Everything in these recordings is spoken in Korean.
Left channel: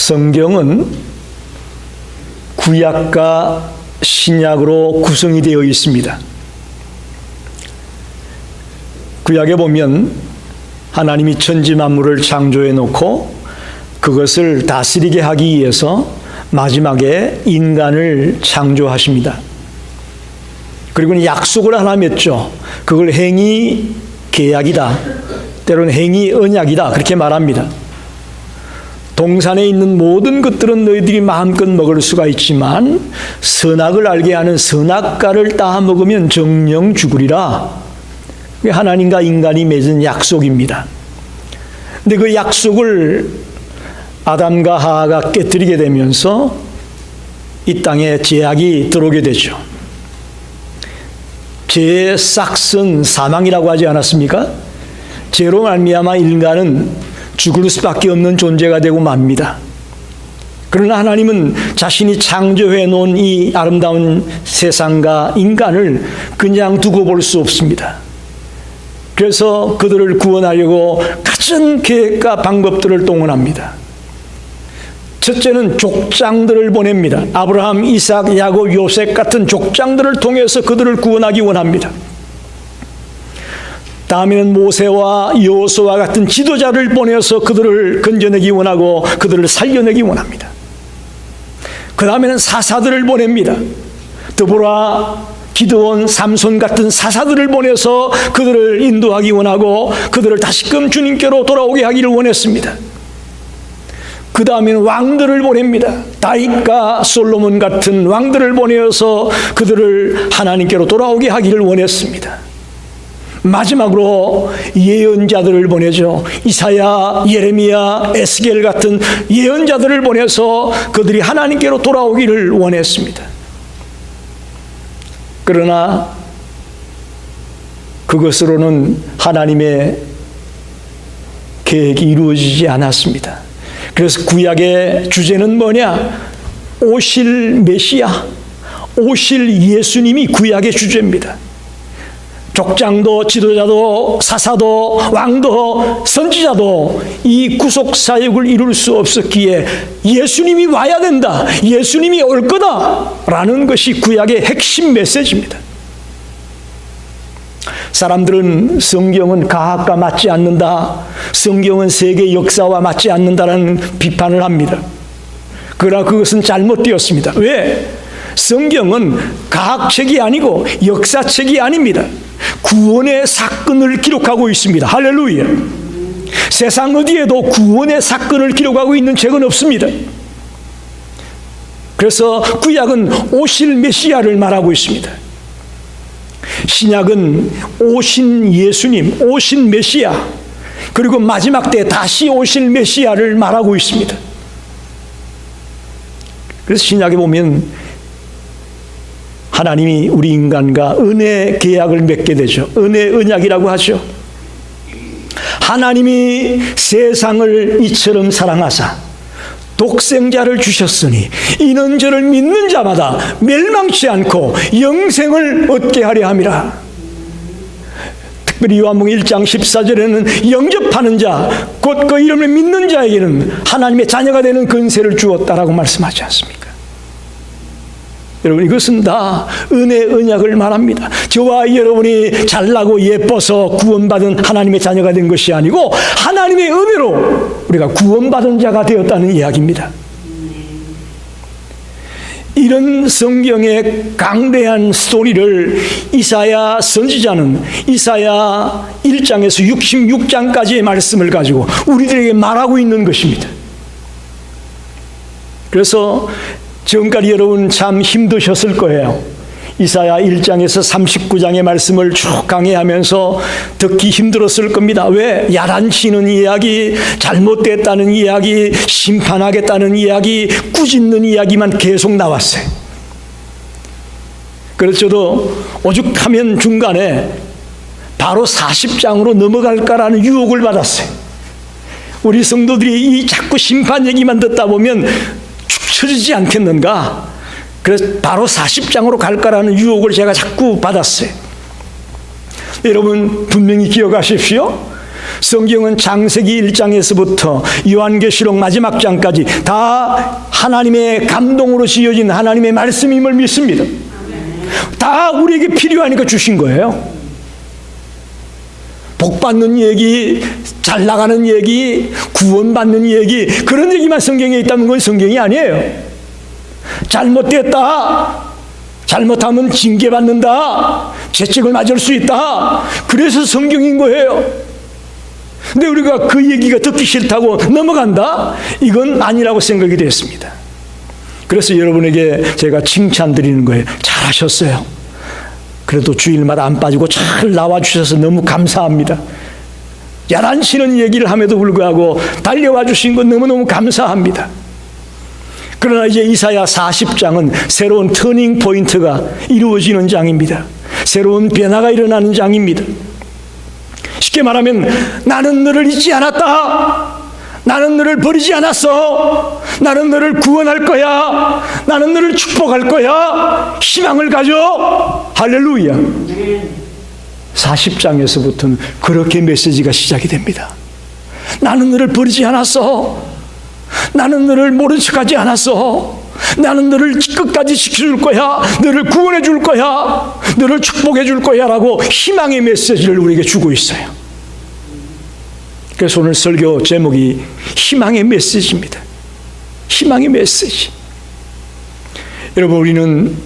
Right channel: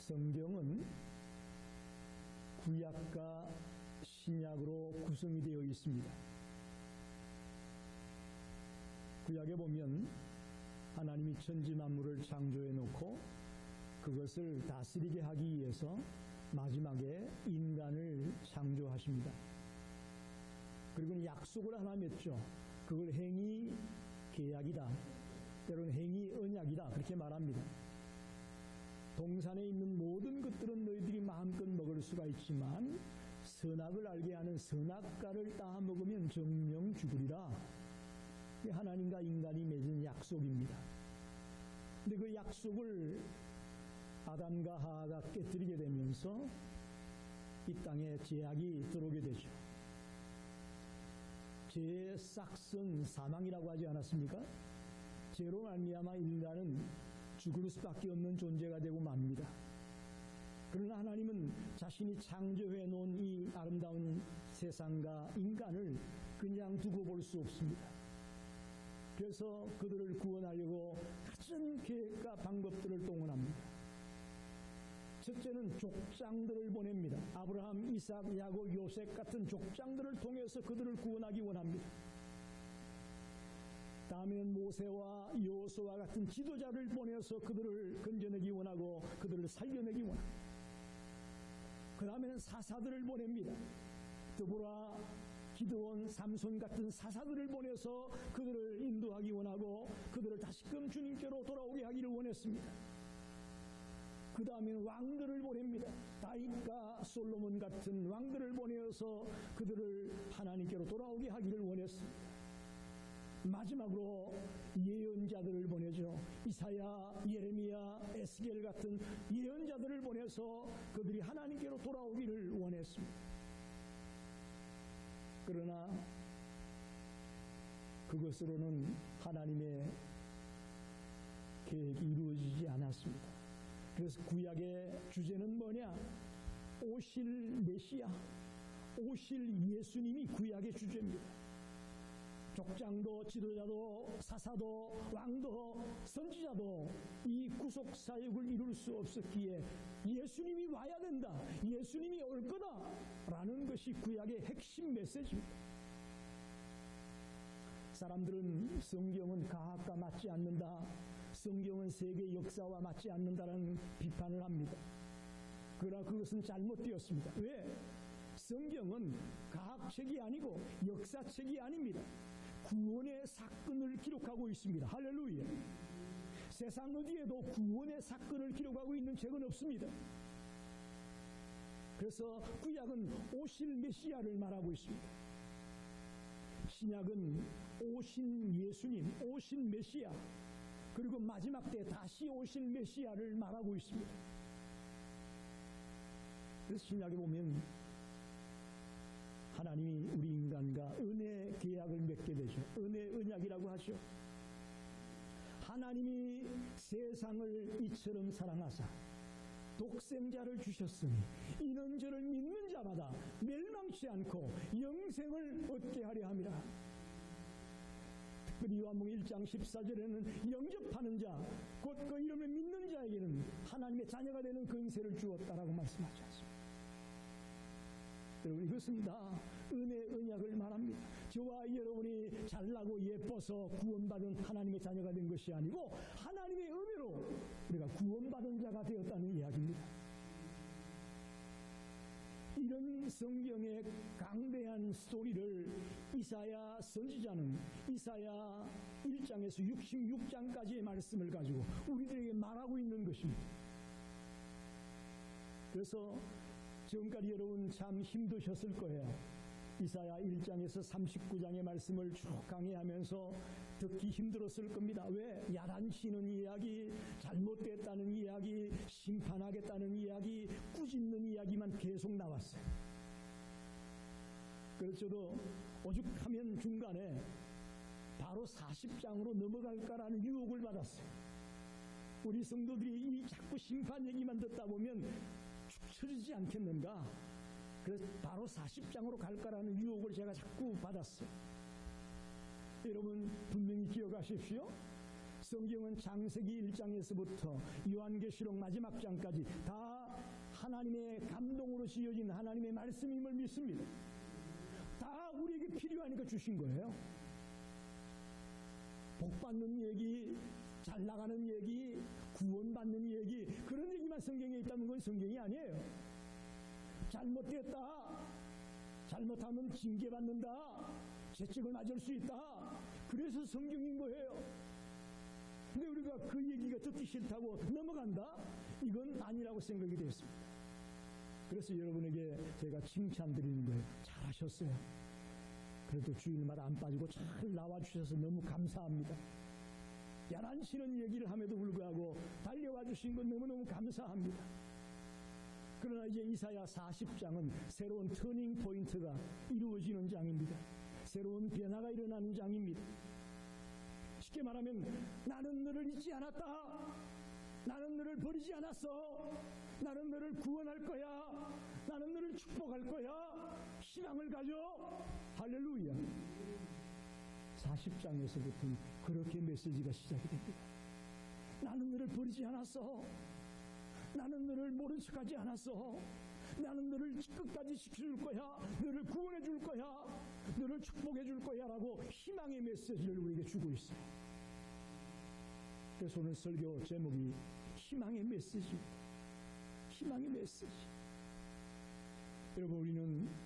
성경은 구약과 신약으로 구성이 되어 있습니다. 구약에 보면 하나님이 천지 만물을 창조해 놓고 그것을 다스리게 하기 위해서 마지막에 인간을 창조하십니다. 그리고 약속을 하나 맺죠. 그걸 행위 계약이다, 때로는 행위 언약이다, 그렇게 말합니다. 동산에 있는 모든 것들은 너희들이 마음껏 먹을 수가 있지만 선악을 알게 하는 선악과를 따 먹으면 정령 죽으리라. 하나님과 인간이 맺은 약속입니다. 근데 그 약속을 아담과 하와가 깨뜨리게 되면서 이 땅에 죄악이 들어오게 되죠. 죄의 싹은 사망이라고 하지 않았습니까? 죄로 말미암아 인간은 죽을 수밖에 없는 존재가 되고 맙니다. 그러나 하나님은 자신이 창조해 놓은 이 아름다운 세상과 인간을 그냥 두고 볼 수 없습니다. 그래서 그들을 구원하려고 갖은 계획과 방법들을 동원합니다. 첫째는 족장들을 보냅니다. 아브라함, 이삭, 야곱, 요셉 같은 족장들을 통해서 그들을 구원하기 원합니다. 다음에는 모세와 여호수아 같은 지도자를 보내서 그들을 건져내기 원하고 그들을 살려내기 원합니다. 그 다음에는 사사들을 보냅니다. 드보라, 기드온, 삼손 같은 사사들을 보내서 그들을 인도하기 원하고 그들을 다시금 주님께로 돌아오게 하기를 원했습니다. 그 다음에는 왕들을 보냅니다. 다윗과 솔로몬 같은 왕들을 보내어서 그들을 하나님께로 돌아오게 하기를 원했습니다. 마지막으로 예언자들을 보내죠. 이사야, 예레미야, 에스겔 같은 예언자들을 보내서 그들이 하나님께로 돌아오기를 원했습니다. 그러나 그것으로는 하나님의 계획이 이루어지지 않았습니다. 그래서 구약의 주제는 뭐냐? 오실 메시아, 오실 예수님이 구약의 주제입니다. 족장도 지도자도 사사도 왕도 선지자도 이 구속사역을 이룰 수 없었기에 예수님이 와야 된다, 예수님이 올 거다라는 것이 구약의 핵심 메시지입니다. 사람들은 성경은 과학과 맞지 않는다, 성경은 세계 역사와 맞지 않는다라는 비판을 합니다. 그러나 그것은 잘못되었습니다. 왜? 성경은 과학책이 아니고 역사책이 아닙니다. 구원의 사건을 기록하고 있습니다. 할렐루야. 세상 어디에도 구원의 사건을 기록하고 있는 책은 없습니다. 그래서 구약은 오실 메시아를 말하고 있습니다. 신약은 오신 예수님, 오신 메시아, 그리고 마지막 때 다시 오실 메시아를 말하고 있습니다. 그래서 신약에 보면 하나님이 우리 인간과 은혜 계약을 맺게 되죠. 은혜 언약이라고 하죠. 하나님이 세상을 이처럼 사랑하사 독생자를 주셨으니 이는 저를 믿는 자마다 멸망치 않고 영생을 얻게 하려 함이라. 특별히 요한복음 1장 14절에는 영접하는 자, 곧 그 이름을 믿는 자에게는 하나님의 자녀가 되는 권세를 주었다라고 말씀하지 않습니까? 여러분, 이것은 다 은혜 언약을 말합니다. 저와 여러분이 잘나고 예뻐서 구원받은 하나님의 자녀가 된 것이 아니고 하나님의 은혜로 우리가 구원받은 자가 되었다는 이야기입니다. 이런 성경의 강대한 스토리를 이사야 선지자는 이사야 1장에서 66장까지의 말씀을 가지고 우리들에게 말하고 있는 것입니다. 그래서 지금까지 여러분 참 힘드셨을 거예요. 이사야 1장에서 39장의 말씀을 쭉 강해하면서 듣기 힘들었을 겁니다. 왜? 야단치는 이야기, 잘못됐다는 이야기, 심판하겠다는 이야기, 꾸짖는 이야기만 계속 나왔어요. 그래서 저도 오죽하면 중간에 바로 40장으로 넘어갈까라는 유혹을 받았어요. 우리 성도들이 이 자꾸 심판 얘기만 듣다 보면 쳐지지 않겠는가? 그래서 바로 40장으로 갈까라는 유혹을 제가 자꾸 받았어요. 여러분 분명히 기억하십시오. 성경은 창세기 1장에서부터 요한계시록 마지막 장까지 다 하나님의 감동으로 지어진 하나님의 말씀임을 믿습니다. 다 우리에게 필요하니까 주신 거예요. 복받는 얘기, 잘 나가는 얘기, 구원받는 얘기, 그런 얘기만 성경에 있다는 건 성경이 아니에요. 잘못됐다, 잘못하면 징계받는다, 채찍을 맞을 수 있다, 그래서 성경인 거예요. 근데 우리가 그 얘기가 듣기 싫다고 넘어간다? 이건 아니라고 생각이 됐습니다. 그래서 여러분에게 제가 칭찬드리는 거예요. 잘하셨어요. 그래도 주일마다 안 빠지고 잘 나와주셔서 너무 감사합니다. 야단치는 얘기를 함에도 불구하고 달려와 주신 건 너무너무 감사합니다. 그러나 이제 이사야 40장은 새로운 터닝 포인트가 이루어지는 장입니다. 새로운 변화가 일어나는 장입니다. 쉽게 말하면 나는 너를 잊지 않았다. 나는 너를 버리지 않았어. 나는 너를 구원할 거야. 나는 너를 축복할 거야. 희망을 가져. 할렐루야. 40장에서부터는 그렇게 메시지가 시작이 됩니다. 나는 너를 버리지 않았어. 나는 너를 모른 척하지 않았어. 나는 너를 끝까지 지켜줄 거야. 너를 구원해 줄 거야. 너를 축복해 줄 거야 라고 희망의 메시지를 우리에게 주고 있어요. 그래서 오늘 설교 제목이 희망의 메시지입니다. 희망의 메시지. 여러분, 우리는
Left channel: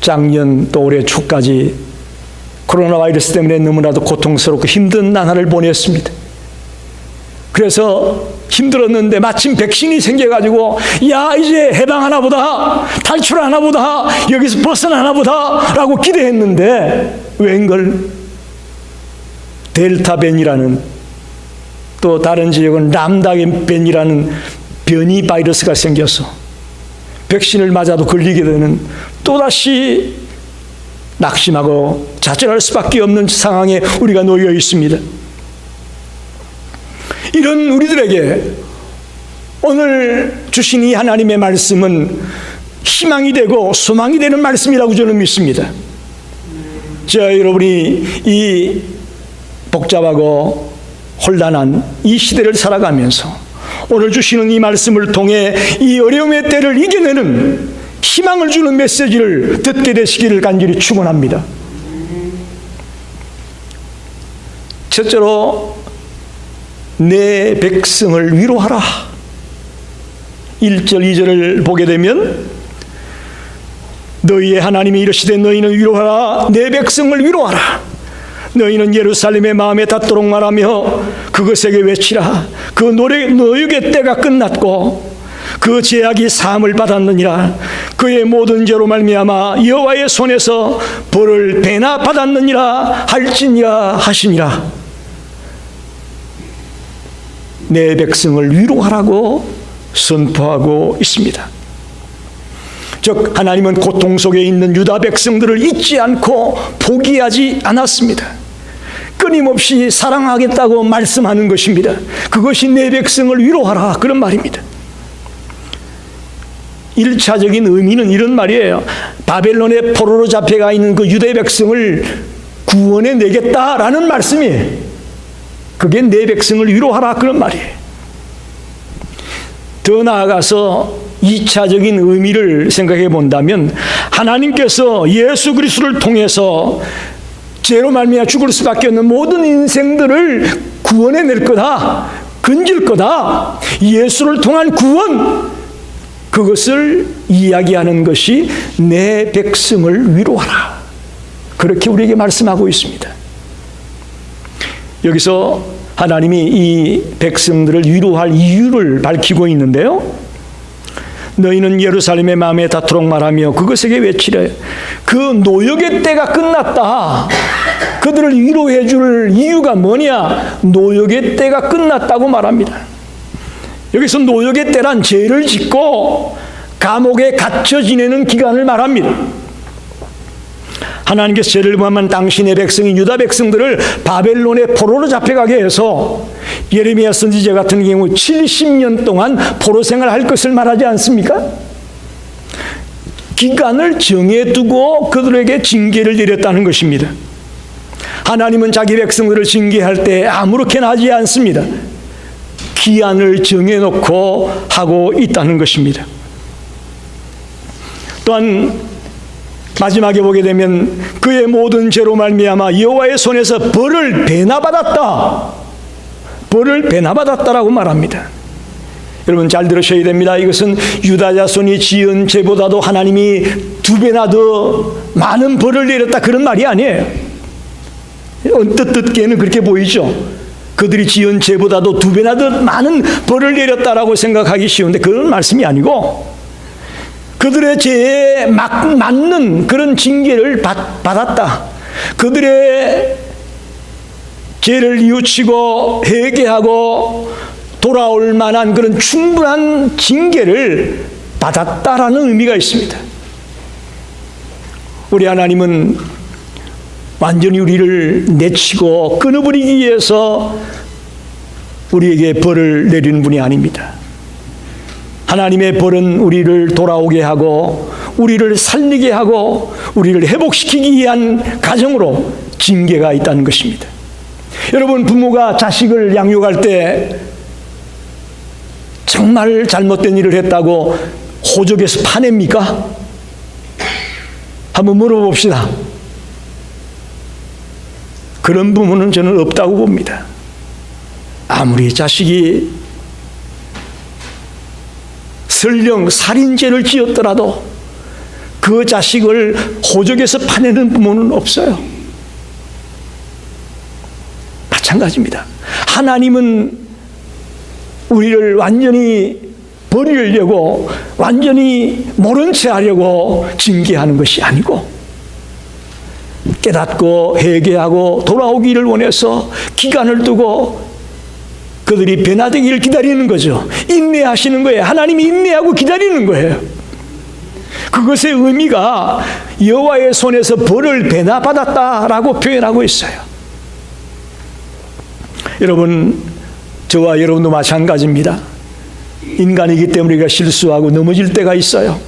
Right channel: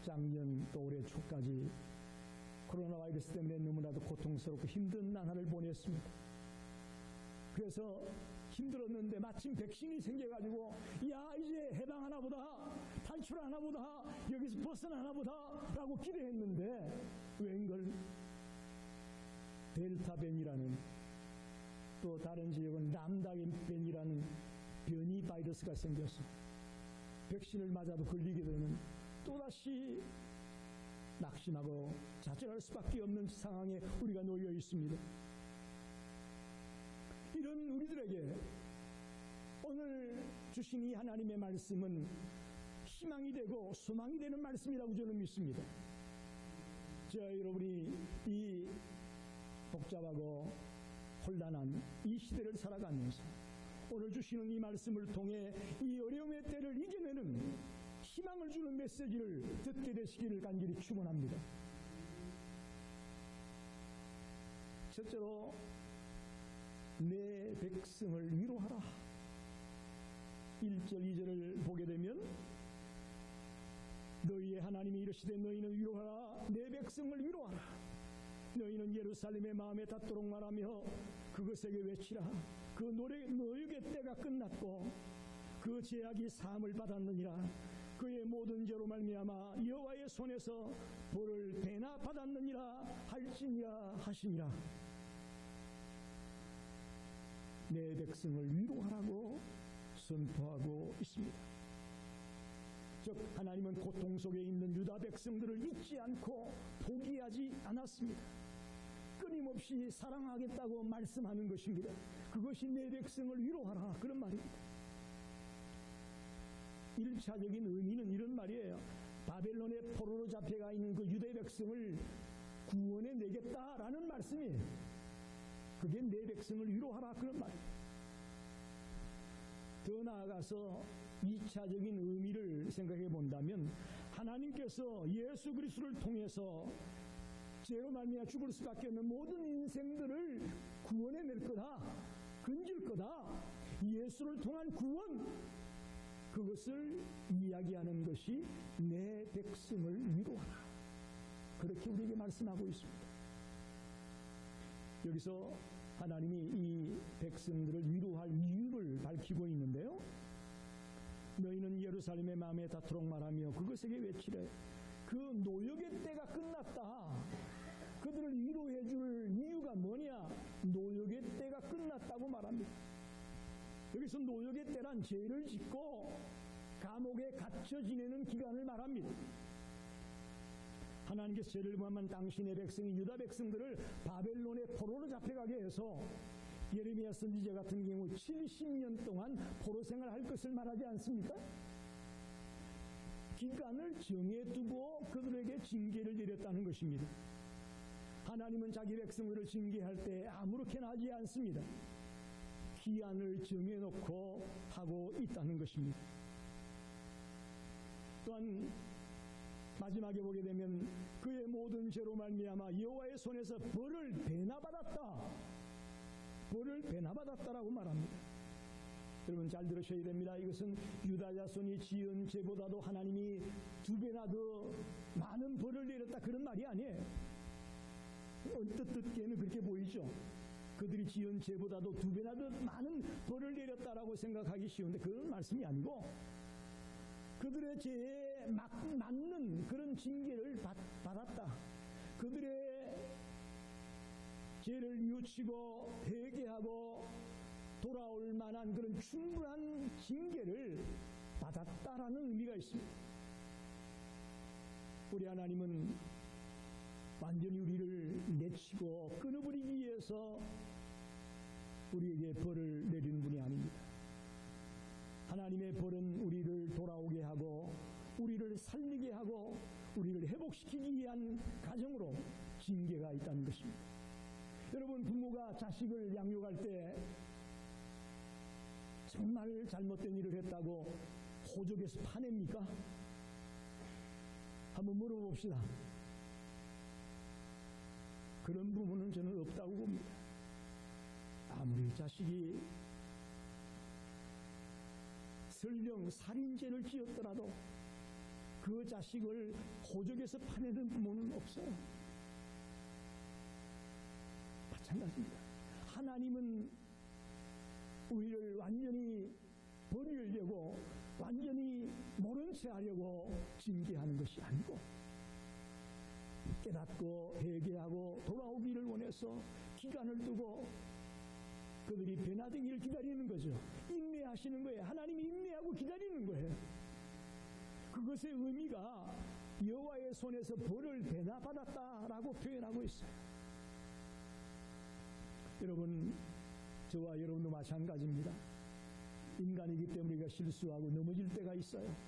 작년 또 올해 초까지 코로나 바이러스 때문에 너무나도 고통스럽고 힘든 나날을 보냈습니다. 그래서 힘들었는데 마침 백신이 생겨가지고 야, 이제 해방하나 보다, 탈출하나 보다, 여기서 벗어나나 보다 라고 기대했는데 웬걸 델타 변이라는, 또 다른 지역은 람다 변이라는 변이 바이러스가 생겨서 백신을 맞아도 걸리게 되는, 또다시 낙심하고 좌절할 수밖에 없는 상황에 우리가 놓여 있습니다. 이런 우리들에게 오늘 주신 이 하나님의 말씀은 희망이 되고 소망이 되는 말씀이라고 저는 믿습니다. 여러분이 이 복잡하고 혼란한 이 시대를 살아가면서 오늘 주시는 이 말씀을 통해 이 어려움의 때를 이겨내는 희망을 주는 메시지를 듣게 되시기를 간절히 축원합니다. 첫째로 내 백성을 위로하라. 1절 2절을 보게 되면 너희의 하나님이 이르시되 너희는 위로하라. 내 백성을 위로하라. 너희는 예루살렘의 마음에 닿도록 말하며 그것에게 외치라. 그 노역의 때가 끝났고 그 죄악이 사함을 받았느니라. 그의 모든 죄로 말미암아 여호와의 손에서 벌을 배나 받았느니라 할지니라 하시니라. 내 백성을 위로하라고 선포하고 있습니다. 즉 하나님은 고통 속에 있는 유다 백성들을 잊지 않고 포기하지 않았습니다. 끊임없이 사랑하겠다고 말씀하는 것입니다. 그것이 내 백성을 위로하라, 그런 말입니다. 1차적인 의미는 이런 말이에요. 바벨론의 포로로 잡혀가 있는 그 유대 백성을 구원해 내겠다라는 말씀이에요. 그게 내 백성을 위로하라, 그런 말이에요. 더 나아가서 2차적인 의미를 생각해 본다면 하나님께서 예수 그리스도를 통해서 죄로 말미암아 죽을 수밖에 없는 모든 인생들을 구원해낼 거다, 건질 거다. 예수를 통한 구원, 그것을 이야기하는 것이 내 백성을 위로하라, 그렇게 우리에게 말씀하고 있습니다. 여기서 하나님이 이 백성들을 위로할 이유를 밝히고 있는데요, 너희는 예루살렘의 마음에 닿도록 말하며 그것에게 외치래. 그 노역의 때가 끝났다. 그들을 위로해 줄 이유가 뭐냐? 노역의 때가 끝났다고 말합니다. 여기서 노역의 때란 죄를 짓고 감옥에 갇혀 지내는 기간을 말합니다. 하나님께서 죄를 범한 당신의 백성인 유다 백성들을 바벨론의 포로로 잡혀가게 해서 예레미야 선지자 같은 경우 70년 동안 포로 생활할 것을 말하지 않습니까? 기간을 정해두고 그들에게 징계를 내렸다는 것입니다. 하나님은 자기 백성들을 징계할 때 아무렇게나 하지 않습니다. 기한을 정해놓고 하고 있다는 것입니다. 또한 마지막에 보게 되면 그의 모든 죄로 말미암아 여호와의 손에서 벌을 배나받았다. 벌을 배나받았다라고 말합니다. 여러분 잘 들으셔야 됩니다. 이것은 유다 자손이 지은 죄보다도 하나님이 2배나 더 많은 벌을 내렸다 그런 말이 아니에요. 언뜻 듣기에는 그렇게 보이죠. 그들이 지은 죄보다도 2배나 더 많은 벌을 내렸다라고 생각하기 쉬운데 그런 말씀이 아니고 그들의 죄에 맞는 그런 징계를 받았다. 그들의 죄를 뉘우치고 회개하고 돌아올 만한 그런 충분한 징계를 받았다라는 의미가 있습니다. 우리 하나님은 완전히 우리를 내치고 끊어버리기 위해서 우리에게 벌을 내리는 분이 아닙니다. 하나님의 벌은 우리를 돌아오게 하고 우리를 살리게 하고 우리를 회복시키기 위한 가정으로 징계가 있다는 것입니다. 여러분 부모가 자식을 양육할 때 정말 잘못된 일을 했다고 호적에서 파냅니까? 한번 물어봅시다. 그런 부모는 저는 없다고 봅니다. 아무리 자식이 설령 살인죄를 지었더라도 그 자식을 호적에서 파내는 부모는 없어요. 마찬가지입니다. 하나님은 우리를 완전히 버리려고 완전히 모른 채 하려고 징계하는 것이 아니고 깨닫고 회개하고 돌아오기를 원해서 기간을 두고 그들이 변화되기를 기다리는 거죠. 인내하시는 거예요. 하나님이 인내하고 기다리는 거예요. 그것의 의미가 여호와의 손에서 벌을 배나받았다라고 표현하고 있어요. 여러분, 저와 여러분도 마찬가지입니다. 인간이기 때문에 우리가 실수하고 넘어질 때가 있어요.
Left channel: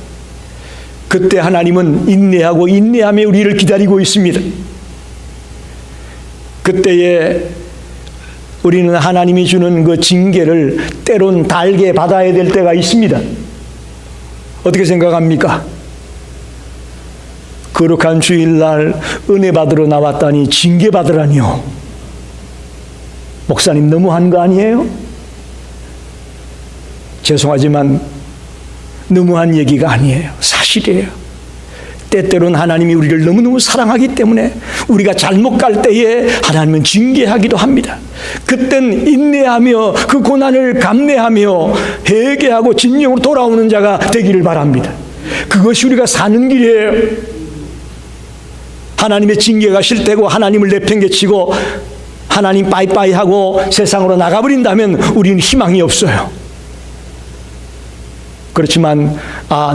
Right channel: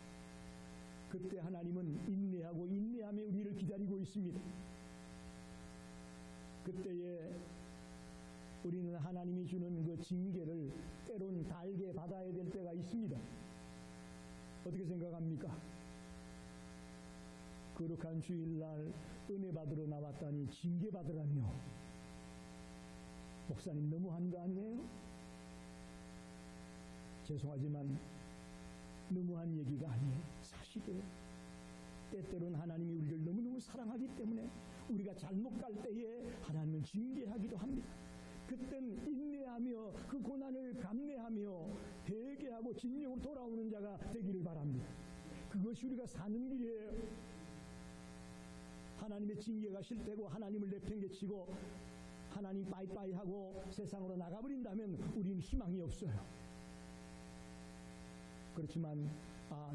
그때 하나님은 인내하고 인내하며 우리를 기다리고 있습니다. 그때에 우리는 하나님이 주는 그 징계를 때론 달게 받아야 될 때가 있습니다. 어떻게 생각합니까? 거룩한 주일날 은혜 받으러 나왔다니 징계 받으라니요. 목사님 너무한 거 아니에요? 죄송하지만 너무한 얘기가 아니에요. 사실이에요. 때때로는 하나님이 우리를 너무너무 사랑하기 때문에 우리가 잘못 갈 때에 하나님은 징계하기도 합니다. 그땐 인내하며 그 고난을 감내하며 회개하고 진정으로 돌아오는 자가 되기를 바랍니다. 그것이 우리가 사는 길이에요. 하나님의 징계가 싫다고 하나님을 내팽개치고 하나님 빠이빠이 하고 세상으로 나가버린다면 우리는 희망이 없어요. 그렇지만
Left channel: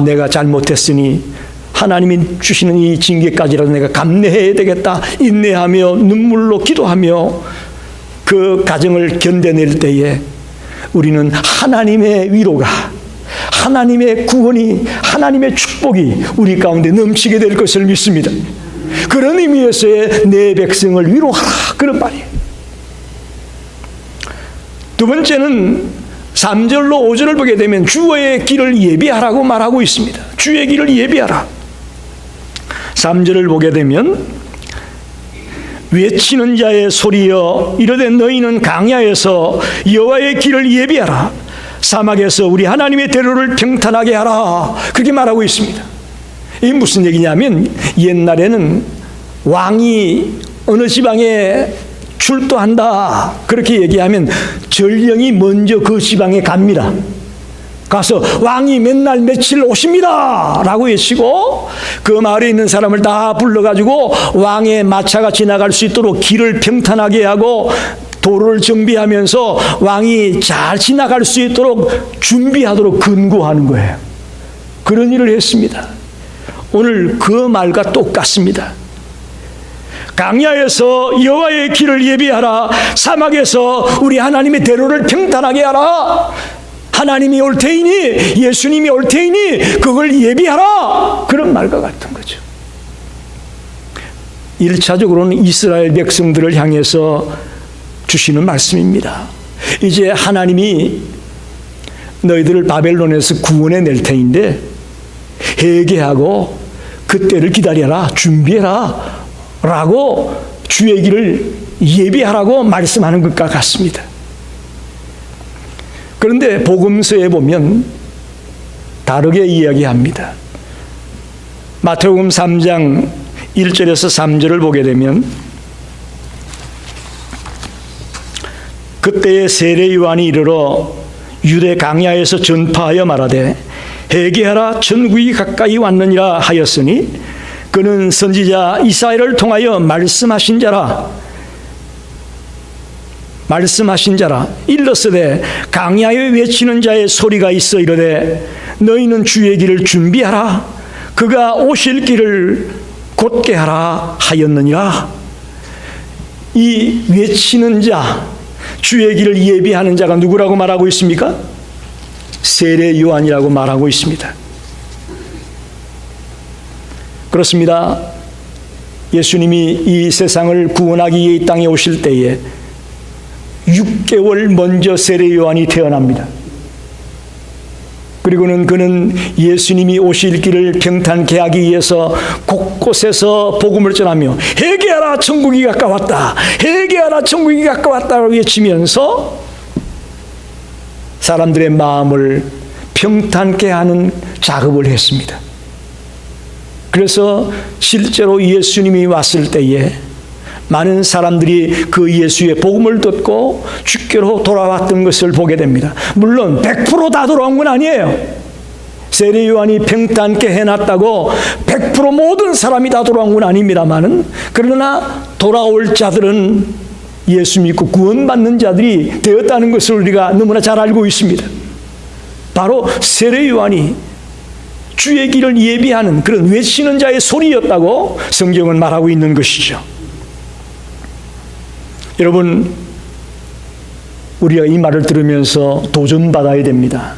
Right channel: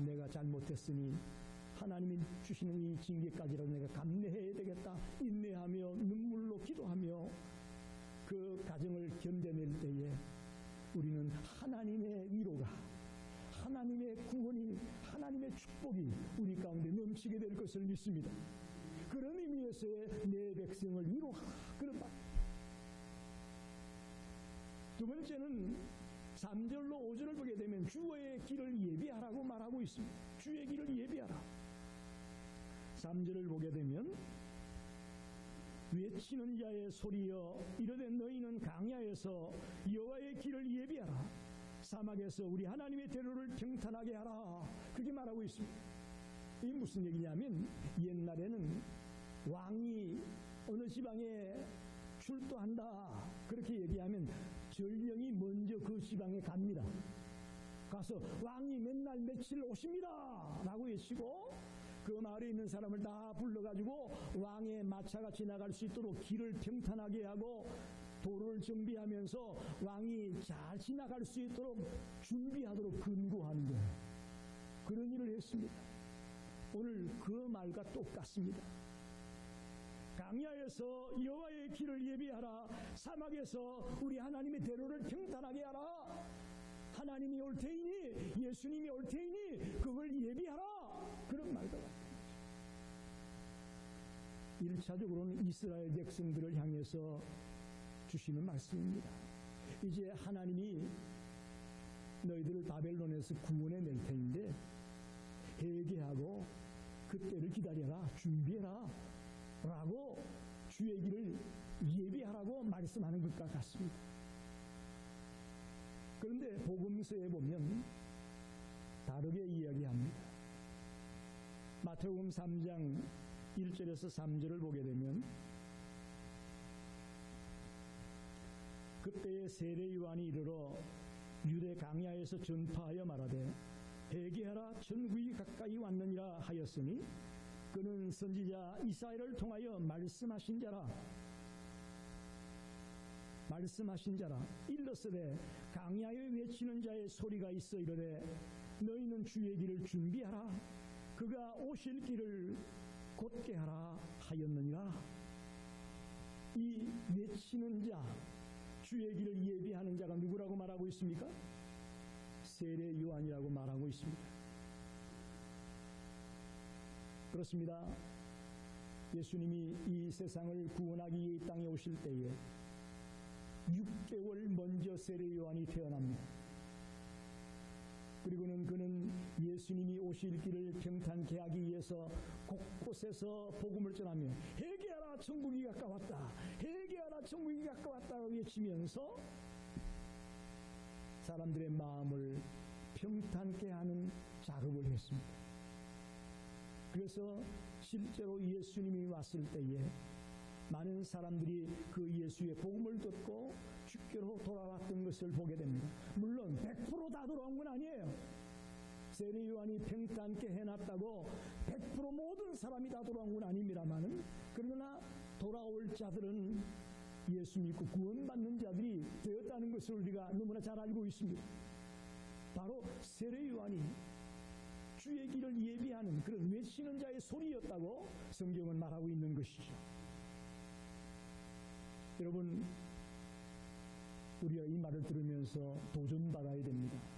내가 잘못했으니 하나님이 주시는 이 징계까지라도 내가 감내해야 되겠다. 인내하며 눈물로 기도하며 그 가정을 견뎌낼 때에 우리는 하나님의 위로가, 하나님의 구원이, 하나님의 축복이 우리 가운데 넘치게 될 것을 믿습니다. 그런 의미에서의 내 백성을 위로하라, 그런 말이에요. 두 번째는 3절로 5절을 보게 되면 주의 길을 예비하라고 말하고 있습니다. 주의 길을 예비하라. 3절을 보게 되면 외치는 자의 소리여 이르되 너희는 강야에서 여호와의 길을 예비하라. 사막에서 우리 하나님의 대로를 평탄하게 하라. 그렇게 말하고 있습니다. 이게 무슨 얘기냐면 옛날에는 왕이 어느 지방에 출도한다 그렇게 얘기하면 전령이 먼저 그 지방에 갑니다. 가서 왕이 맨날 며칠 오십니다 라고 외치고 그 마을에 있는 사람을 다 불러가지고 왕의 마차가 지나갈 수 있도록 길을 평탄하게 하고 도로를 정비하면서 왕이 잘 지나갈 수 있도록 준비하도록 근고하는 거예요. 그런 일을 했습니다. 오늘 그 말과 똑같습니다. 강야에서 여호와의 길을 예비하라. 사막에서 우리 하나님의 대로를 평탄하게 하라. 하나님이 올 테이니, 예수님이 올 테이니 그걸 예비하라. 그런 말과 같은 거죠. 1차적으로는 이스라엘 백성들을 향해서 주시는 말씀입니다. 이제 하나님이 너희들을 바벨론에서 구원해 낼 테인데 회개하고 그때를 기다려라, 준비해라 라고 주의 길을 예비하라고 말씀하는 것과 같습니다. 그런데 복음서에 보면 다르게 이야기합니다. 마태복음 3장 1절에서 3절을 보게 되면 그때에 세례 요한이 이르러 유대 강야에서 전파하여 말하되 회개하라 천국이 가까이 왔느니라 하였으니 그는 선지자 이사야를 통하여 말씀하신 자라 일렀으되 강야에 외치는 자의 소리가 있어 이르되 너희는 주의 길을 준비하라 그가 오실 길을 곧게 하라 하였느니라. 이 외치는 자, 주의 길을 예비하는 자가 누구라고 말하고 있습니까? 세례 요한이라고 말하고 있습니다. 그렇습니다. 예수님이 이 세상을 구원하기 위해 이 땅에 오실 때에 6개월 먼저 세례 요한이 태어납니다. 그리고는 그는 예수님이 오실 길을 평탄케 하기 위해서 곳곳에서 복음을 전하며 회개하라 천국이 가까웠다, 회개하라 천국이 가까웠다고 외치면서 사람들의 마음을 평탄케 하는 작업을 했습니다. 그래서 실제로 예수님이 왔을 때에 많은 사람들이 그 예수의 복음을 듣고 주께로 돌아왔던 것을 보게 됩니다. 물론 100% 다 돌아온 건 아니에요. 세례 요한이 평탄케 해놨다고 100% 모든 사람이 다 돌아온 건 아닙니다만은, 그러나 돌아올 자들은 예수 믿고 구원받는 자들이 되었다는 것을 우리가 너무나 잘 알고 있습니다. 바로 세례 요한이 주의 길을 예비하는 그런 외치는 자의 소리였다고 성경은 말하고 있는 것이죠. 여러분, 우리가 이 말을 들으면서 도전받아야 됩니다.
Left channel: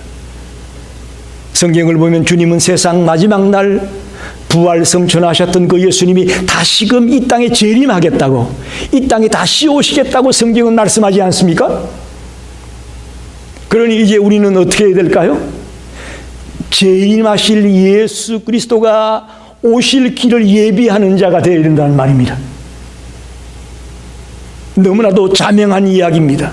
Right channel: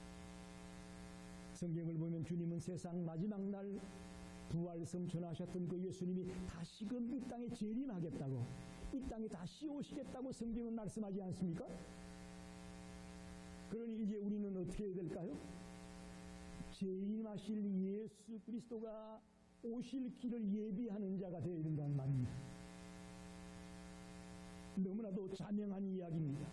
성경을 보면 주님은 세상 마지막 날 부활 성천하셨던 그 예수님이 다시금 이 땅에 재림하겠다고, 이 땅에 다시 오시겠다고 성경은 말씀하지 않습니까? 그러니 이제 우리는 어떻게 해야 될까요? 재림하실 예수 그리스도가 오실 길을 예비하는 자가 되어야 된다는 말입니다. 너무나도 자명한 이야기입니다.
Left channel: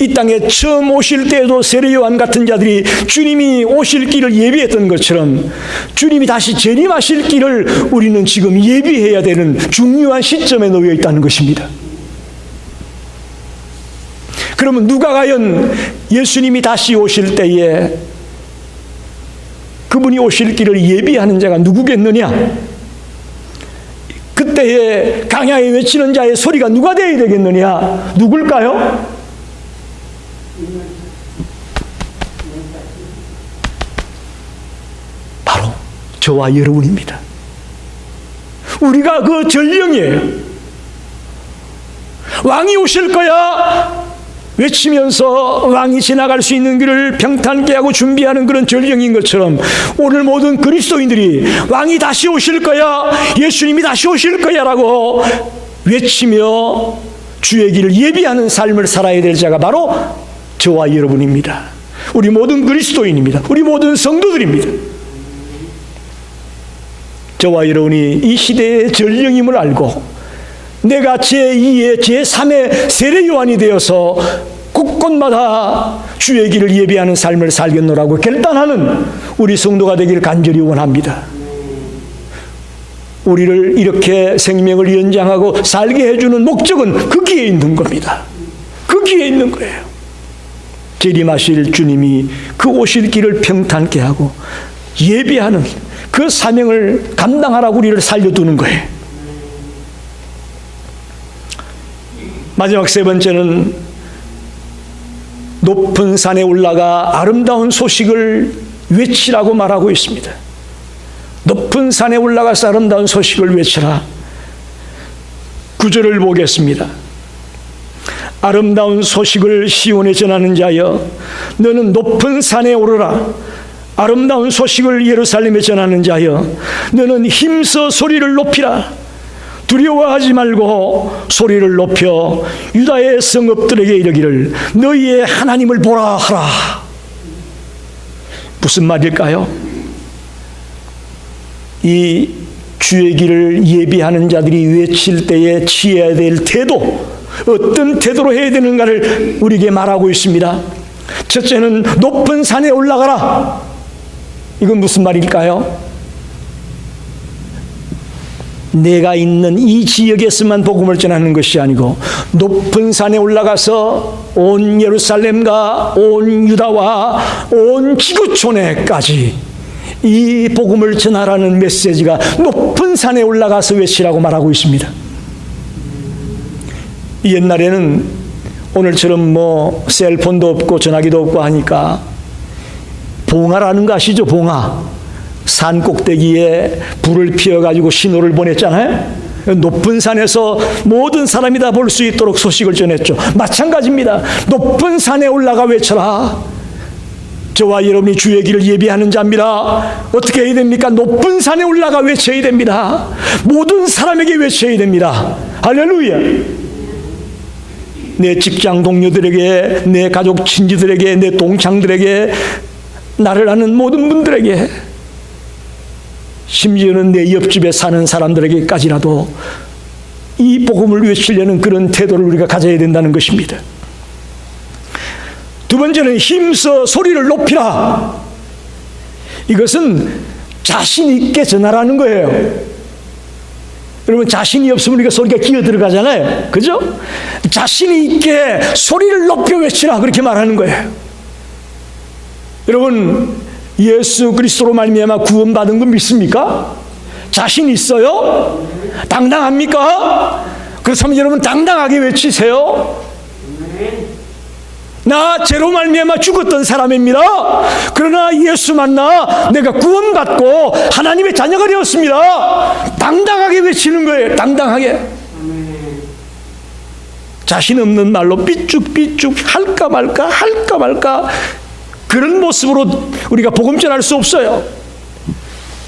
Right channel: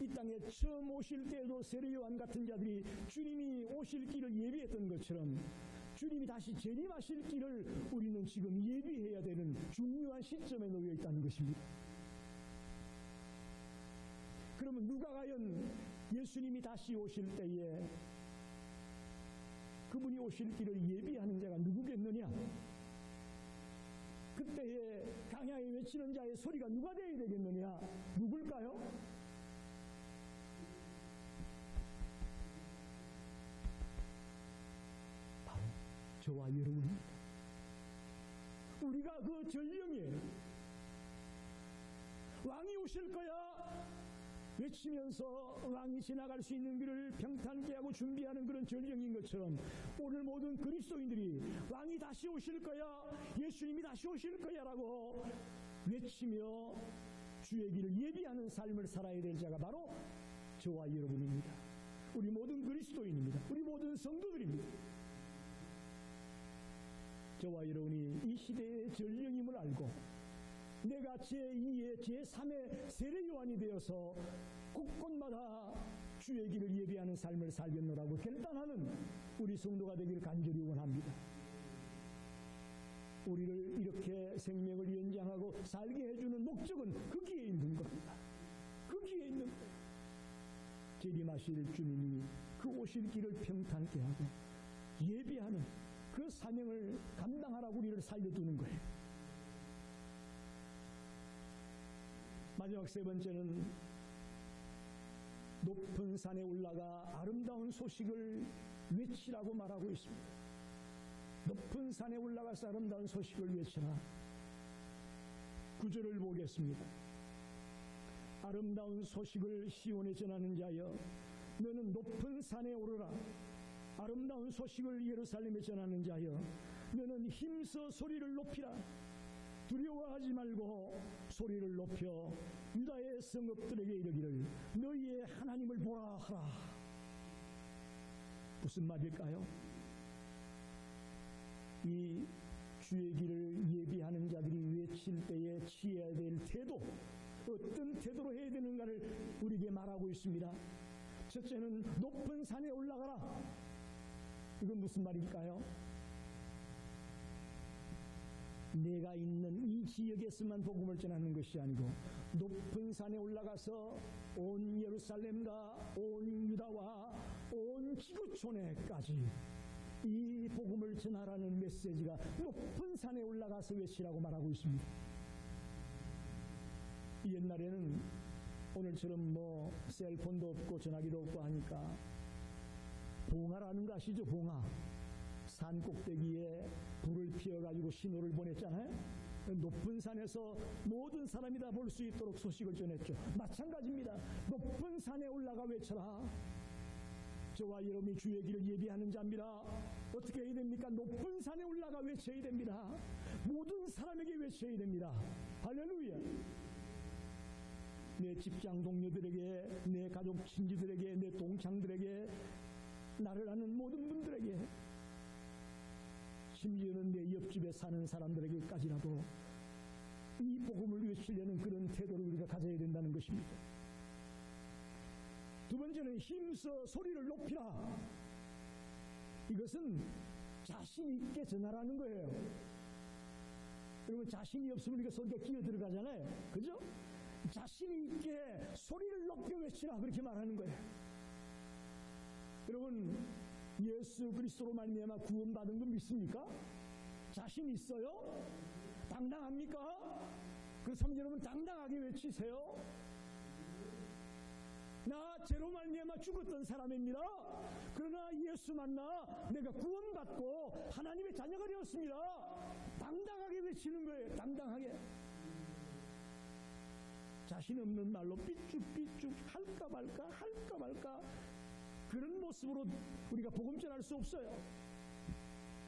이 땅에 처음 오실 때에도 세례 요한 같은 자들이 주님이 오실 길을 예비했던 것처럼 주님이 다시 재림하실 길을 우리는 지금 예비해야 되는 중요한 시점에 놓여 있다는 것입니다. 그러면 누가 과연 예수님이 다시 오실 때에 그분이 오실 길을 예비하는 자가 누구겠느냐? 그때에 강야에 외치는 자의 소리가 누가 되어야 되겠느냐? 누굴까요? 바로 저와 여러분입니다. 우리가 그 전령이에요. 왕이 오실 거야 외치면서 왕이 지나갈 수 있는 길을 평탄케 하고 준비하는 그런 전령인 것처럼, 오늘 모든 그리스도인들이 왕이 다시 오실 거야, 예수님이 다시 오실 거야 라고 외치며 주의 길을 예비하는 삶을 살아야 될 자가 바로 저와 여러분입니다. 우리 모든 그리스도인입니다. 우리 모든 성도들입니다. 저와 여러분이 이 시대의 전령임을 알고 내가 제2의 제3의 세례 요한이 되어서 곳곳마다 주의 길을 예비하는 삶을 살겠노라고 결단하는 우리 성도가 되기를 간절히 원합니다. 우리를 이렇게 생명을 연장하고 살게 해주는 목적은 거기에 있는 겁니다. 거기에 있는 거예요. 재림하실 주님이 그 오실 길을 평탄케 하고 예비하는 그 사명을 감당하라고 우리를 살려두는 거예요. 마지막 세 번째는 높은 산에 올라가 아름다운 소식을 외치라고 말하고 있습니다. 높은 산에 올라가서 아름다운 소식을 외치라. 9절을 보겠습니다. 아름다운 소식을 시온에 전하는 자여, 너는 높은 산에 오르라. 아름다운 소식을 예루살렘에 전하는 자여, 너는 힘써 소리를 높이라. 두려워하지 말고 소리를 높여 유다의 성읍들에게 이르기를 너희의 하나님을 보라 하라. 무슨 말일까요? 이 주의 길을 예비하는 자들이 외칠 때에 취해야 될 태도, 어떤 태도로 해야 되는가를 우리에게 말하고 있습니다. 첫째는 높은 산에 올라가라. 이건 무슨 말일까요? 내가 있는 이 지역에서만 복음을 전하는 것이 아니고 높은 산에 올라가서 온 예루살렘과 온 유다와 온 지구촌에까지 이 복음을 전하라는 메시지가 높은 산에 올라가서 외치라고 말하고 있습니다. 옛날에는 오늘처럼 셀폰도 없고 전화기도 없고 하니까 봉화라는 거 아시죠? 봉화. 산 꼭대기에 불을 피워가지고 신호를 보냈잖아요. 높은 산에서 모든 사람이 다 볼 수 있도록 소식을 전했죠. 마찬가지입니다. 높은 산에 올라가 외쳐라. 저와 여러분이 주의 길을 예비하는 자입니다. 어떻게 해야 됩니까? 높은 산에 올라가 외쳐야 됩니다. 모든 사람에게 외쳐야 됩니다. 할렐루야. 내 직장 동료들에게, 내 가족 친지들에게, 내 동창들에게, 나를 아는 모든 분들에게, 심지어는 내 옆집에 사는 사람들에게까지라도 이 복음을 외치려는 그런 태도를 우리가 가져야 된다는 것입니다. 두 번째는 힘써 소리를 높이라. 이것은 자신 있게 전하라는 거예요. 여러분, 자신이 없으면 우리가 소리가 기어 들어가잖아요. 그죠? 자신이 있게 소리를 높여 외치라, 그렇게 말하는 거예요. 여러분, 예수 그리스도로 말미암아 구원받은 거 믿습니까? 자신 있어요? 당당합니까? 그렇다면 여러분 당당하게 외치세요. 나 죄로 말미암아 죽었던 사람입니다. 그러나 예수 만나 내가 구원받고 하나님의 자녀가 되었습니다. 당당하게 외치는 거예요. 당당하게. 자신 없는 말로 삐죽삐죽 할까 말까 그런 모습으로 우리가 복음 전할 수 없어요.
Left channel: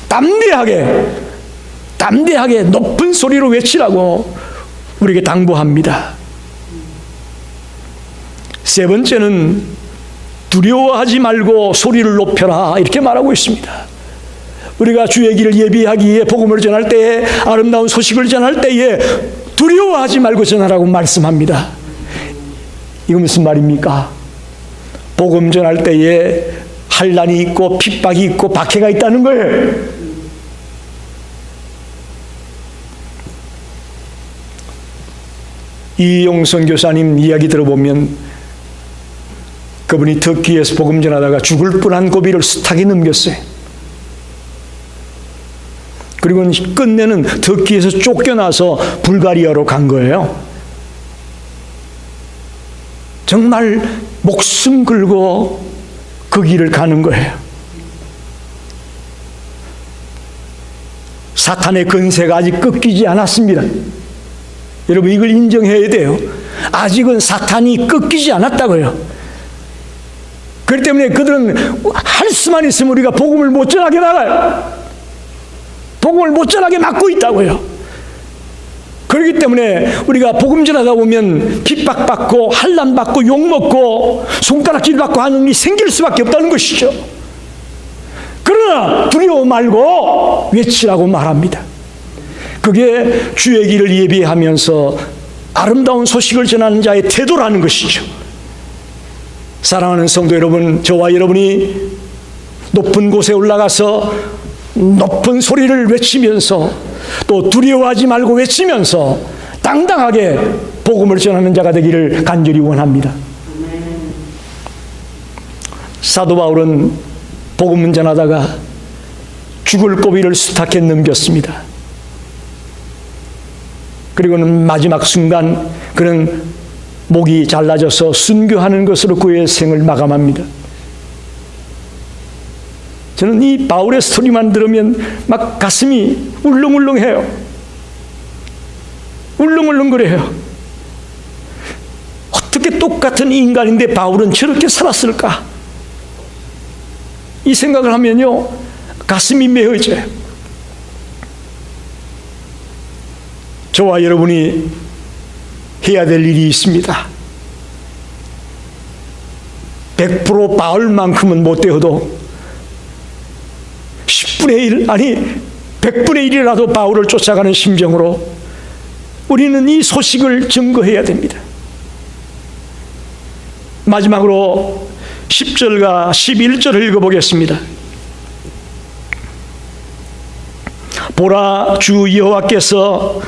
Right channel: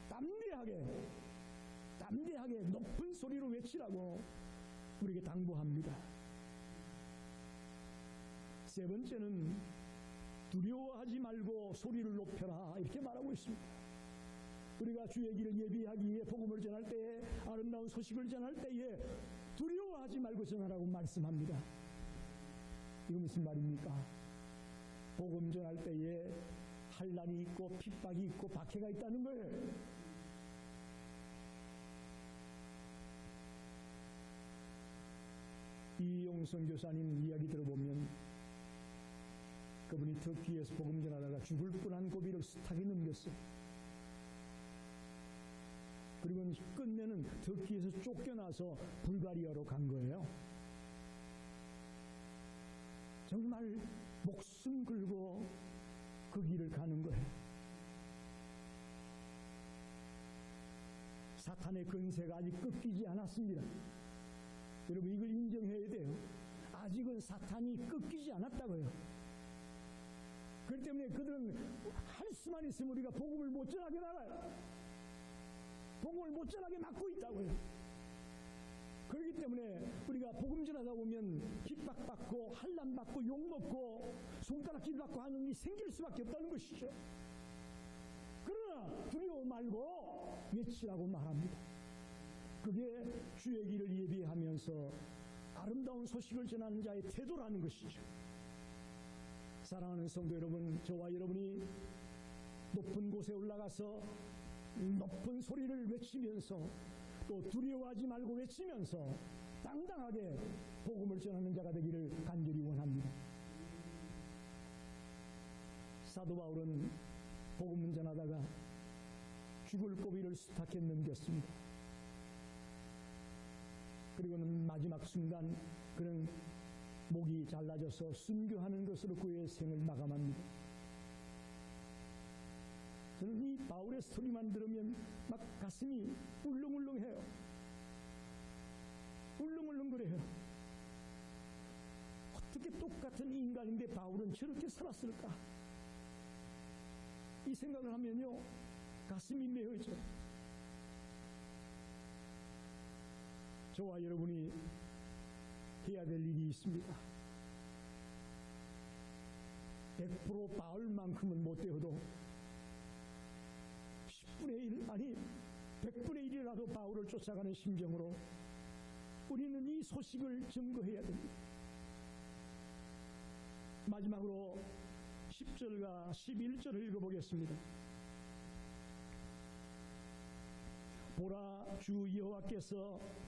담대하게 높은 소리로 외치라고 우리에게 당부합니다. 세 번째는 두려워하지 말고 소리를 높여라, 이렇게 말하고 있습니다. 우리가 주의 길을 예비하기 위해 복음을 전할 때에, 아름다운 소식을 전할 때에 두려워하지 말고 전하라고 말씀합니다. 이거 무슨 말입니까? 복음 전할 때에 환난이 있고 핍박이 있고 박해가 있다는 거예요. 이용성 교사님 이야기 들어보면 그분이 터키에서 복음 전하다가 죽을 뻔한 고비를 숱하게 넘겼어요. 그리고 끝내는 터키에서 쫓겨나서 불가리아로 간 거예요. 정말 목숨 걸고 그 길을 가는 거예요. 사탄의 건세가 아직 꺾이지 않았습니다. 여러분, 이걸 인정해야 돼요. 아직은 사탄이 꺾이지 않았다고요. 그렇기 때문에 그들은 할 수만 있으면 우리가 복음을 못 전하게 나가요. 복음을 못 전하게 막고 있다고요. 그렇기 때문에 우리가 복음 전하다 보면 핍박받고 환난받고 욕먹고 손가락질 받고 하는 일이 생길 수밖에 없다는 것이죠. 그러나 두려워 말고 외치라고 말합니다. 그게 주의 길을 예비하면서 아름다운 소식을 전하는 자의 태도라는 것이죠. 사랑하는 성도 여러분, 저와 여러분이 높은 곳에 올라가서 높은 소리를 외치면서 또 두려워하지 말고 외치면서 당당하게 복음을 전하는 자가 되기를 간절히 원합니다. 사도 바울은 복음을 전하다가 죽을 고비를 숱하게 넘겼습니다. 그리고는 마지막 순간 그는 목이 잘라져서 순교하는 것으로 그의 생을 마감합니다. 저는 이 바울의 스토리만 들으면 막 가슴이 울렁울렁해요. 울렁울렁거려요. 어떻게 똑같은 인간인데 바울은 저렇게 살았을까? 이 생각을 하면요, 가슴이 메어져요. 저와 여러분이 해야 될 일이 있습니다. 100% 바울만큼은 못 되어도 10분의 1, 아니 100분의 1이라도 바울을 쫓아가는 심정으로 우리는 이 소식을 증거해야 됩니다. 마지막으로 10절과 11절을 읽어보겠습니다. 보라, 주 여호와께서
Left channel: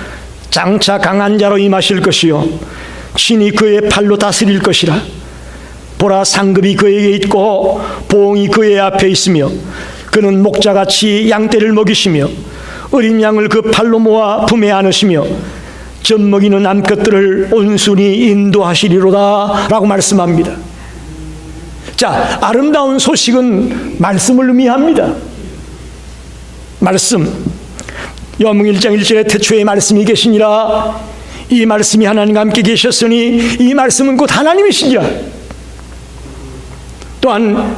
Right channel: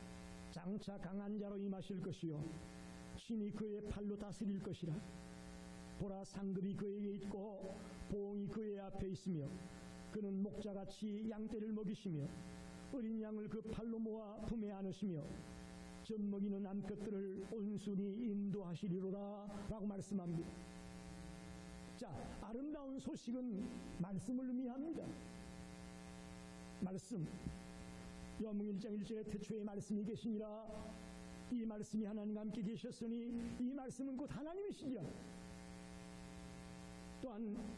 장차 강한 자로 임하실 것이요 친히 그의 팔로 다스릴 것이라. 보라, 상급이 그에게 있고 보응이 그의 앞에 있으며 그는 목자같이 양떼를 먹이시며 어린 양을 그 팔로 모아 품에 안으시며 젖 먹이는 암컷들을 온순히 인도하시리로다 라고 말씀합니다. 자, 아름다운 소식은 말씀을 의미합니다. 말씀, 요한복음 1장 1절에 태초에 말씀이 계시니라. 이 말씀이 하나님과 함께 계셨으니 이 말씀은 곧 하나님이시니라. 또한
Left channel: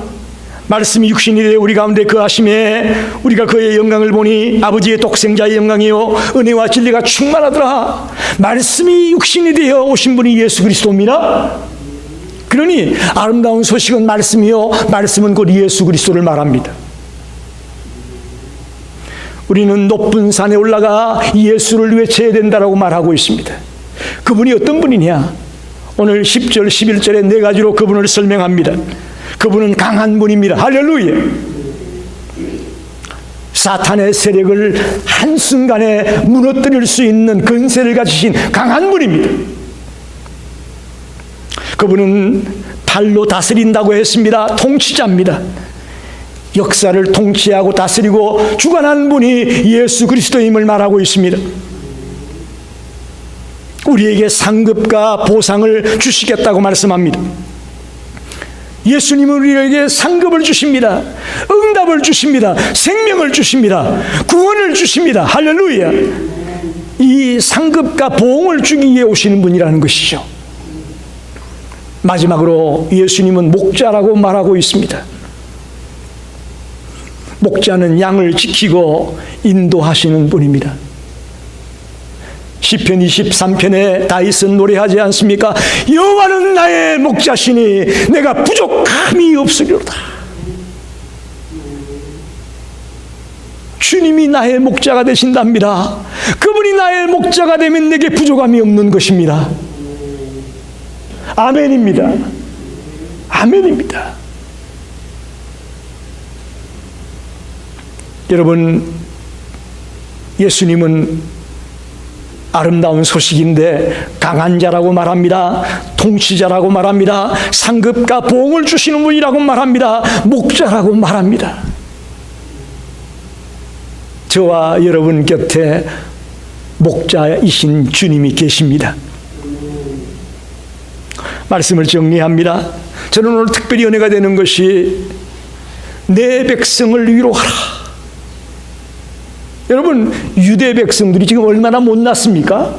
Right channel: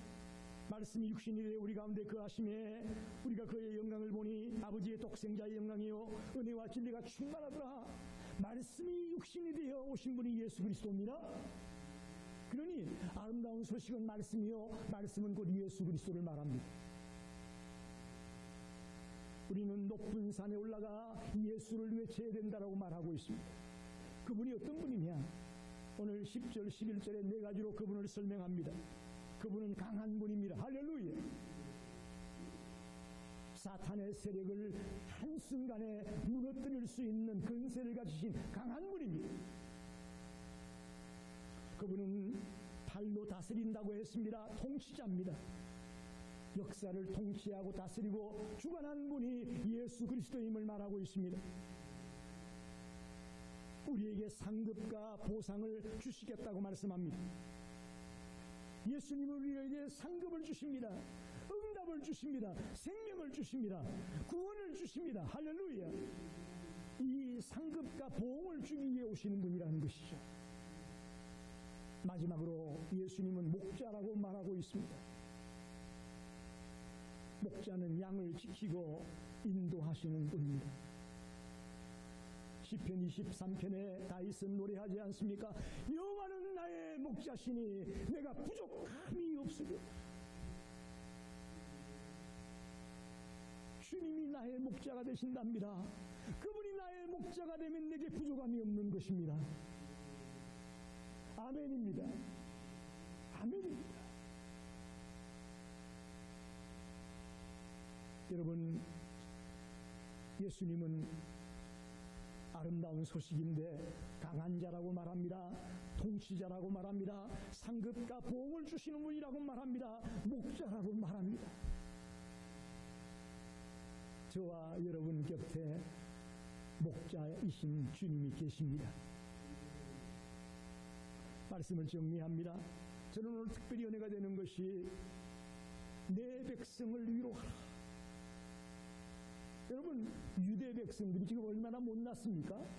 말씀이 육신이 되어 우리 가운데 거하심에 우리가 그의 영광을 보니 아버지의 독생자의 영광이요 은혜와 진리가 충만하더라. 말씀이 육신이 되어 오신 분이 예수 그리스도입니다. 그러니 아름다운 소식은 말씀이요 말씀은 곧 예수 그리스도를 말합니다. 우리는 높은 산에 올라가 예수를 외쳐야 된다라고 말하고 있습니다. 그분이 어떤 분이냐? 오늘 10절 11절에 네 가지로 그분을 설명합니다. 그분은 강한 분입니다. 할렐루야. 사탄의 세력을 한순간에 무너뜨릴 수 있는 근세를 가지신 강한 분입니다. 그분은 팔로 다스린다고 했습니다. 통치자입니다. 역사를 통치하고 다스리고 주관하는 분이 예수 그리스도임을 말하고 있습니다. 우리에게 상급과 보상을 주시겠다고 말씀합니다. 예수님은 우리에게 상급을 주십니다. 응답을 주십니다. 생명을 주십니다. 구원을 주십니다. 할렐루야. 이 상급과 보응을 주기 위해 오시는 분이라는 것이죠. 마지막으로 예수님은 목자라고 말하고 있습니다. 목자는 양을 지키고 인도하시는 분입니다. 시편 23편에 다윗은 노래하지 않습니까? 여호와는 나의 목자시니 내가 부족함이 없으리로다. 주님이 나의 목자가 되신답니다. 그분이 나의 목자가 되면 내게 부족함이 없는 것입니다. 아멘입니다. 아멘입니다. 여러분, 예수님은 아름다운 소식인데 강한 자라고 말합니다. 통치자라고 말합니다. 상급과 보응을 주시는 분이라고 말합니다. 목자라고 말합니다. 저와 여러분 곁에 목자이신 주님이 계십니다. 말씀을 정리합니다. 저는 오늘 특별히 은혜가 되는 것이 내 백성을 위로하라. 여러분, 유대 백성들이 지금 얼마나 못났습니까?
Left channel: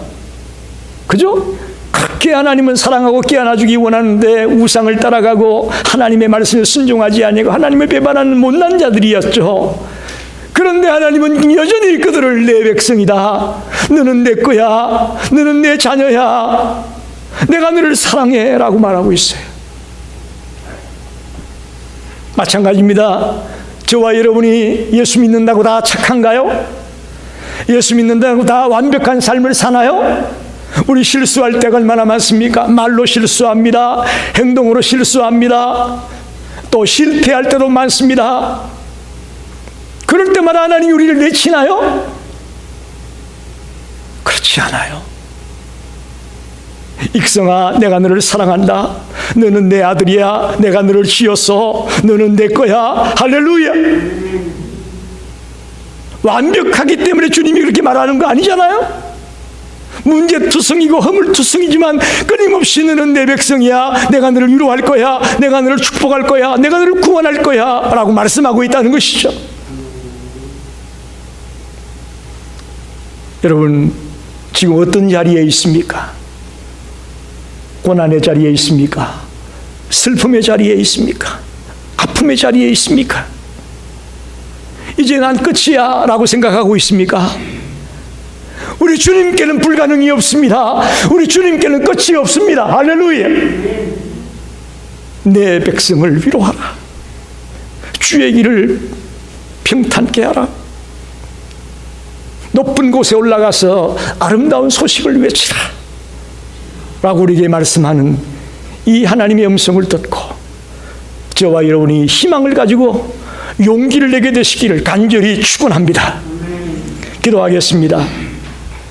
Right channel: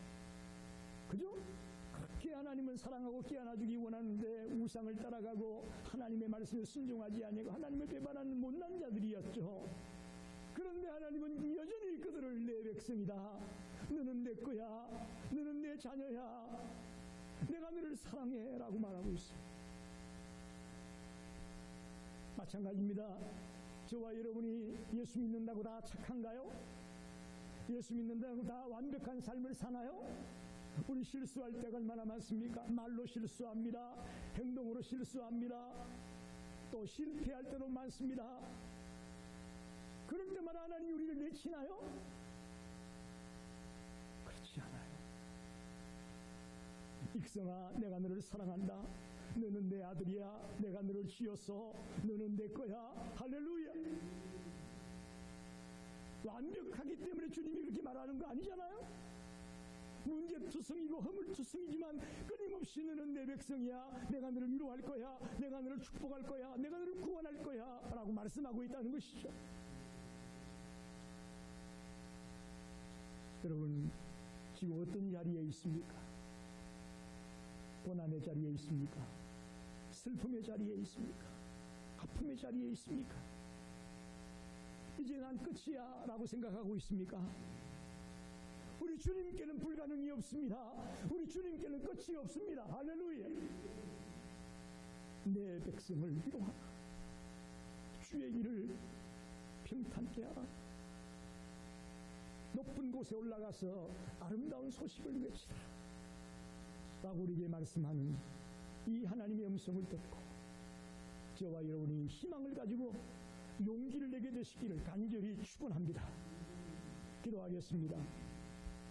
그죠? 그렇게 하나님은 사랑하고 깨어나주기 원하는데 우상을 따라가고 하나님의 말씀에 순종하지 아니하고 하나님을 배반하는 못난 자들이었죠. 그런데 하나님은 여전히 그들을 내 백성이다. 너는 내 거야. 너는 내 자녀야. 내가 너를 사랑해 라고 말하고 있어요. 마찬가지입니다. 저와 여러분이 예수 믿는다고 다 착한가요? 예수 믿는다고 다 완벽한 삶을 사나요? 우리 실수할 때가 얼마나 많습니까? 말로 실수합니다. 행동으로 실수합니다. 또 실패할 때도 많습니다. 그럴 때마다 하나님이 우리를 내치나요? 그렇지 않아요. 익성아, 내가 너를 사랑한다. 너는 내 아들이야. 내가 너를 지었어. 너는 내 거야. 할렐루야. 완벽하기 때문에 주님이 그렇게 말하는 거 아니잖아요. 문제투성이고 허물투성이지만 끊임없이 너는 내 백성이야. 내가 너를 위로할 거야. 내가 너를 축복할 거야. 내가 너를 구원할 거야 라고 말씀하고 있다는 것이죠. 여러분, 지금 어떤 자리에 있습니까? 고난의 자리에 있습니까? 슬픔의 자리에 있습니까? 아픔의 자리에 있습니까? 이제 난 끝이야 라고 생각하고 있습니까? 우리 주님께는 불가능이 없습니다. 우리 주님께는 끝이 없습니다. 할렐루야. 내 백성을 위로하라. 주의 길을 평탄케 하라. 높은 곳에 올라가서 아름다운 소식을 외치라 라고 우리에게 말씀하는 이 하나님의 음성을 듣고 저와 여러분이 희망을 가지고 용기를 내게 되시기를 간절히 축원합니다. 기도하겠습니다.